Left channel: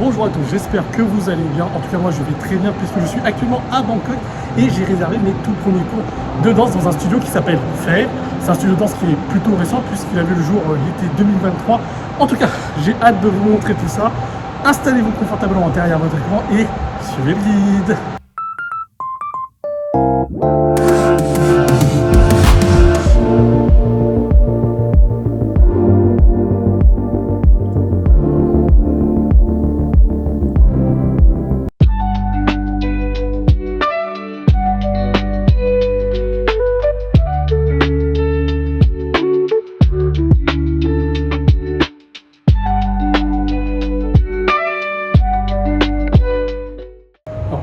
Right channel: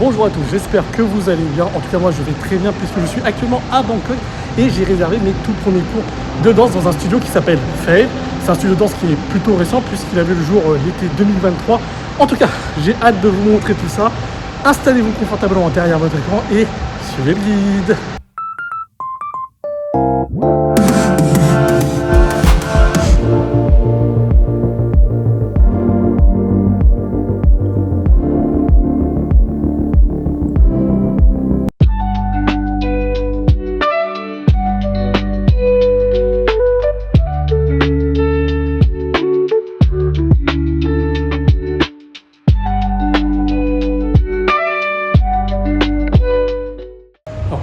Bonjour à tous, j'espère que vous allez bien. En tout cas moi je vais très bien puisque je suis actuellement à Bangkok et j'ai réservé mes tout premiers cours de danse dans un studio qui s'appelle Fail. C'est un studio de danse qui est plutôt récent puisqu'il a vu le jour l'été 2023. En tout cas, j'ai hâte de vous montrer tout ça. Installez-vous confortablement derrière votre écran et suivez le guide.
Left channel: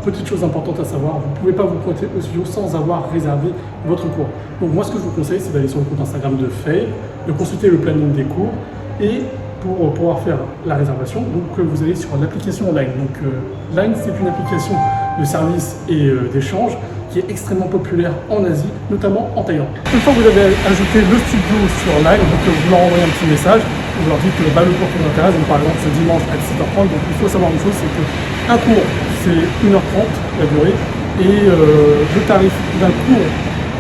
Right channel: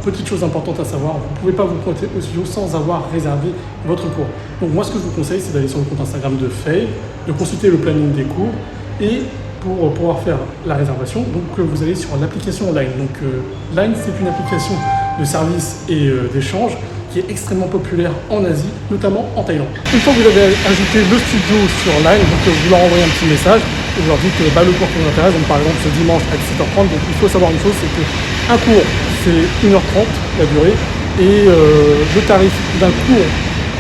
Petite chose importante à savoir, vous ne pouvez pas vous pointer au studio sans avoir réservé votre cours. Donc moi ce que je vous conseille c'est d'aller sur le compte Instagram de Faye, de consulter le planning des cours et pour pouvoir faire la réservation, donc vous allez sur l'application Line. Donc Line c'est une application de service et d'échange qui est extrêmement populaire en Asie, notamment en Thaïlande. Une fois que vous avez ajouté le studio sur Line, donc vous leur envoyez un petit message, vous leur dites que le cours vous intéresse, donc par exemple ce dimanche à 17h30, donc il faut savoir une chose, c'est qu'un cours c'est 1h30 la durée et le tarif d'un cours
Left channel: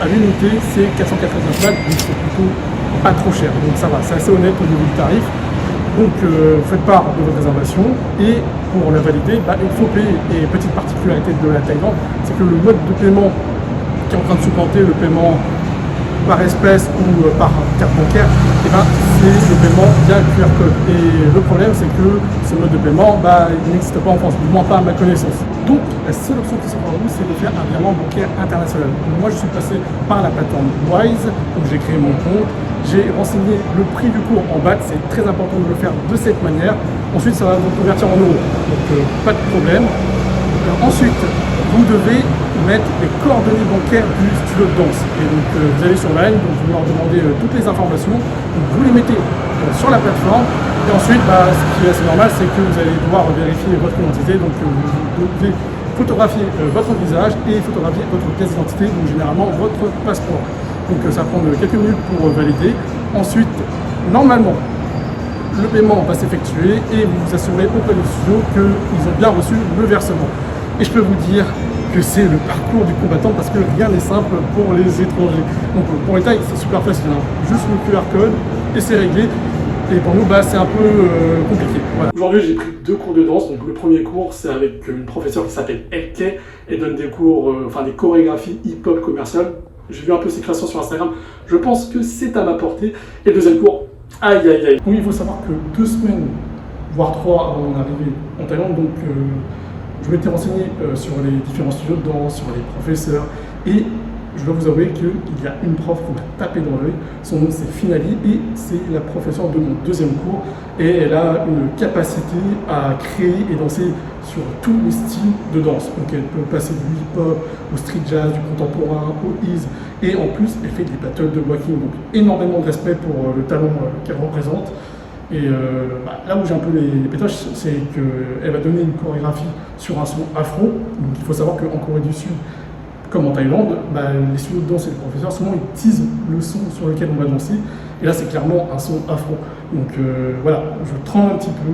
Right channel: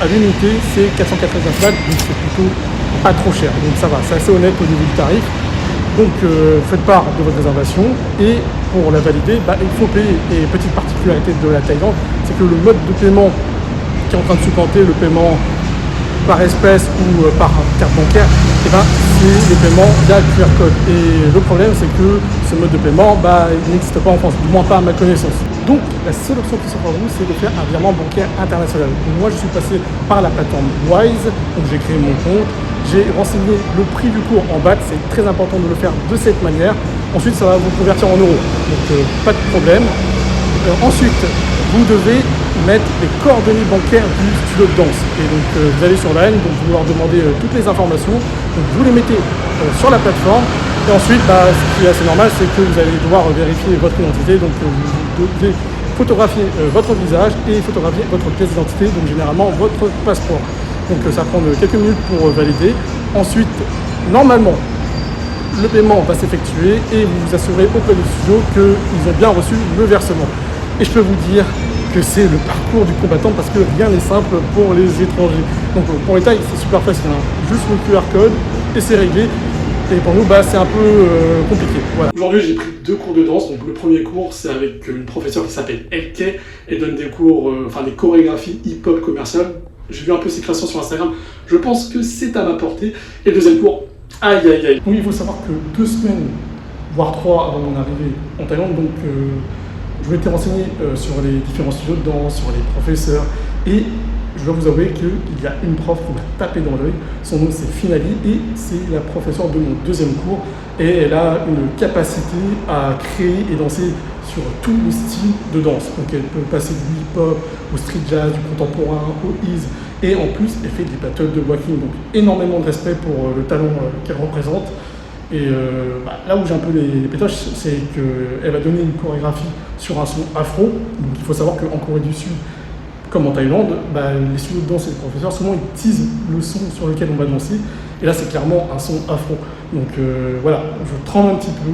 à l'unité c'est 495 balles, donc c'est plutôt pas trop cher, donc ça va, c'est assez honnête au niveau du tarif. Donc faites part de votre réservation et pour la valider, il faut payer. Et petite particularité de la Thaïlande, c'est que le mode de paiement qui est en train de supplanter le paiement par espèce ou par carte bancaire, c'est le paiement via QR code. Et le problème c'est que ce mode de paiement il n'existe pas en France, du moins pas à ma connaissance. Donc la seule option qui s'offre à vous, c'est de faire un virement bancaire international. Moi je suis passé par la plateforme Wise, donc j'ai créé mon compte. J'ai renseigné le prix du cours en baht, c'est très important de le faire de cette manière. Ensuite, ça va vous convertir en euros, donc pas de problème. Ensuite, vous devez mettre les coordonnées bancaires du studio de danse. Et donc, vous allez sur Line, donc vous leur demandez toutes les informations. Donc, vous les mettez sur la plateforme. Et ensuite, ce qui est assez normal, c'est que vous allez devoir vérifier votre identité. Donc, vous devez photographier votre visage et photographier votre pièce d'identité, donc généralement votre passeport. Donc ça prend quelques minutes pour valider. Ensuite, normalement, le paiement va s'effectuer et vous vous assurez auprès du studio qu'ils ont bien reçu le versement. Et je peux vous dire que c'est le parcours du combattant parce que rien n'est simple pour les étrangers. Donc pour les Thaïs, c'est super facile, juste le QR code et c'est réglé. Et pour nous, c'est un peu compliqué. Voilà. Aujourd'hui, j'ai pris 2 cours de danse. Donc le premier cours, c'est avec une professeure qui s'appelle Elke et donne des cours, des chorégraphies hip-hop commerciales. J'ai vu un peu ses créations sur Instagram, je pense que c'est à ma portée. Et le deuxième cours, aïe aïe aïe. Oui, il faut savoir que 2 semaines, voire 3 avant mon arrivée en Thaïlande, donc je m'étais renseigné sur les différents studios de danse, sur les professeurs, et je dois vous avouer qu'il y a une prof qui m'a tapé dans l'œil. Son nom c'est Finali et c'est la professeure de mon deuxième cours. Et elle a une capacité à créer et danser sur tous les styles de danse. Donc elle peut passer du hip-hop au street jazz, du contemporain, au ease. Et en plus, elle fait des battles de walking. Donc énormément de respect pour le talent qu'elle représente. Et là où j'ai un peu les pétoches, c'est qu'elle va donner une chorégraphie sur un son afro. Donc il faut savoir qu'en Corée du Sud, comme en Thaïlande, les studios de danse et les professeurs, souvent ils teasent le son sur lequel on va danser. Et là, c'est clairement un son afro. Donc voilà, je tremble un petit peu,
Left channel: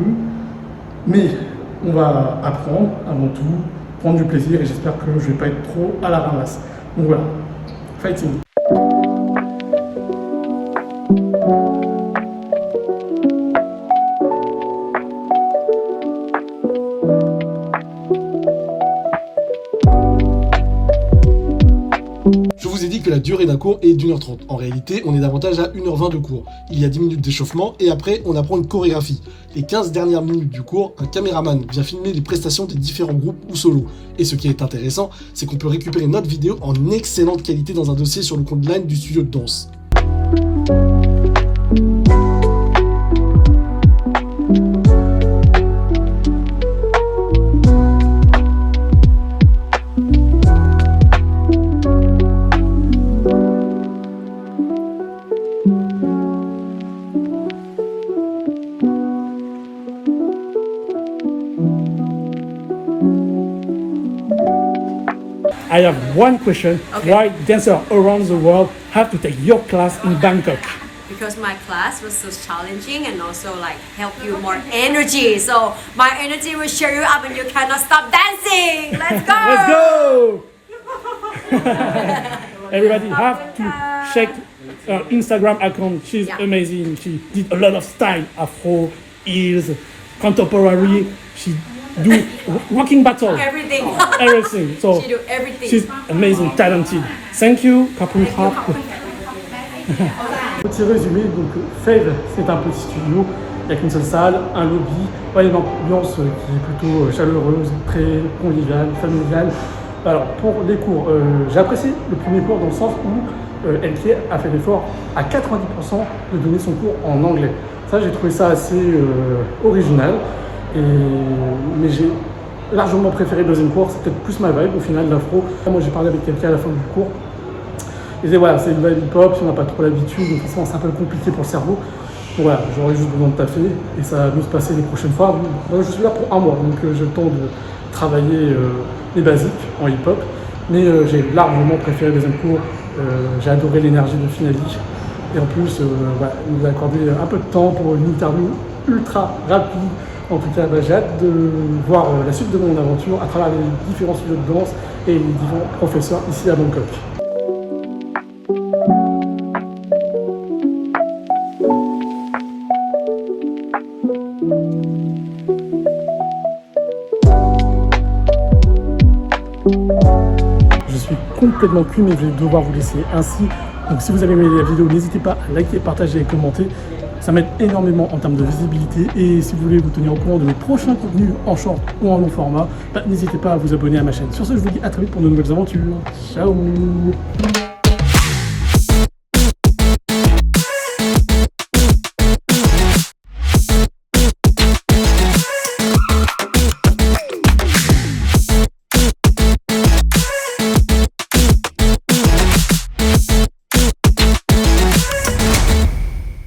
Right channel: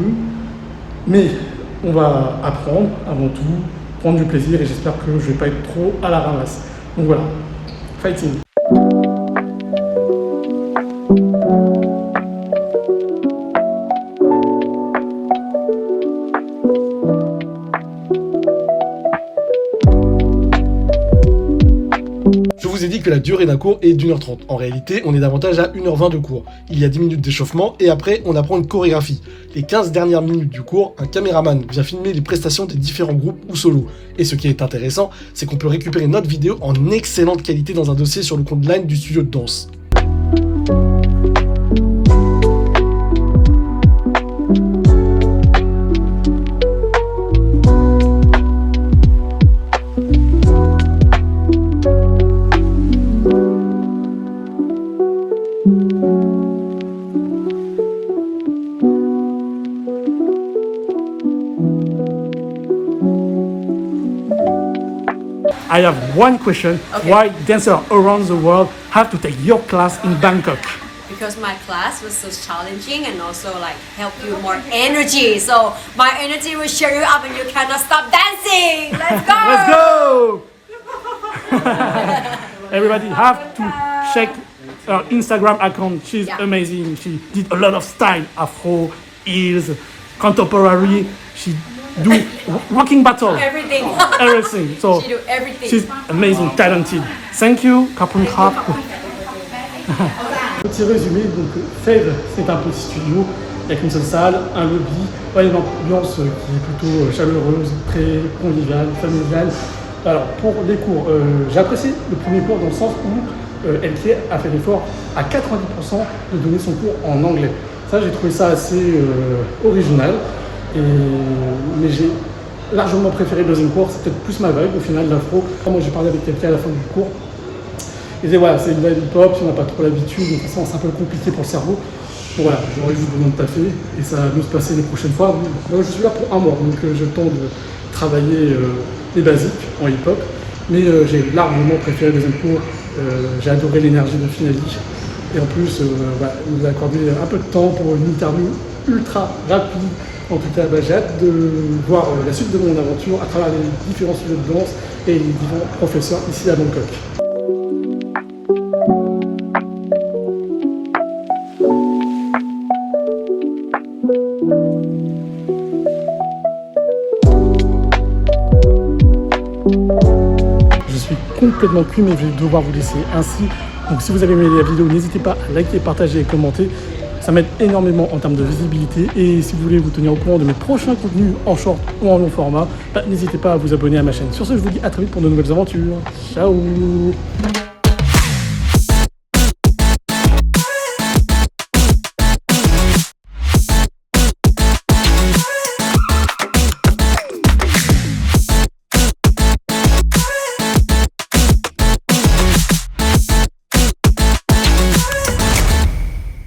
mais on va apprendre avant tout, prendre du plaisir et j'espère que je ne vais pas être trop à la ramasse. Donc voilà, fighting! Je vous ai dit que la durée d'un cours est d'1h30. En réalité, on est davantage à 1h20 de cours. Il y a 10 minutes d'échauffement et après, on apprend une chorégraphie. Les 15 dernières minutes du cours, un caméraman vient filmer les prestations des différents groupes ou solos. Et ce qui est intéressant, c'est qu'on peut récupérer notre vidéo en excellente qualité dans un dossier sur le compte Line du studio de danse. I have one question. Okay. Why dancers around the world have to take your class in Bangkok? because my class was so challenging and also like help you more energy. So my energy will cheer you up and you cannot stop dancing. Let's go! Let's go! Everybody have to check her Instagram account. She's amazing. She did a lot of style, afro, heels, contemporary. She do rocking battle. Everything. Everything. So She do everything. she's amazing, talented. Thank you, Kapun Krap. Petit résumé, donc Fave, c'est un petit studio. Il n'y a qu'une seule salle, un lobby. Ouais, une ambiance qui est plutôt chaleureuse, très conviviale, familiale. Alors pour les cours, j'ai apprécié le premier cours dans le sens où LK a fait l'effort à 90% de donner son cours en anglais. Ça, j'ai trouvé ça assez original. Mais j'ai largement préféré le deuxième cours, c'est peut-être plus ma vibe au final, l'afro. Moi j'ai parlé avec quelqu'un à la fin du cours, il disait voilà, c'est une vibe hip-hop, si on n'a pas trop l'habitude, donc c'est un peu compliqué pour le cerveau. Donc voilà, j'aurais juste besoin de taffer et ça va mieux se passer les prochaines fois. Moi je suis là pour un mois, donc j'ai le temps de travailler les basiques en hip-hop, mais j'ai largement préféré le deuxième cours. J'ai adoré l'énergie de Finali et en plus il nous a accordé un peu de temps pour une interview ultra rapide. En tout cas, j'ai hâte de voir la suite de mon aventure à travers les différents sujets de danse et les différents professeurs ici à Bangkok. Je suis complètement cuit, mais je vais devoir vous laisser ainsi. Donc si vous avez aimé la vidéo, n'hésitez pas à liker, partager et commenter. Ça m'aide énormément en termes de visibilité. Et si vous voulez vous tenir au courant de mes prochains contenus en short ou en long format, n'hésitez pas à vous abonner à ma chaîne. Sur ce, je vous dis à très vite pour de nouvelles aventures. Ciao!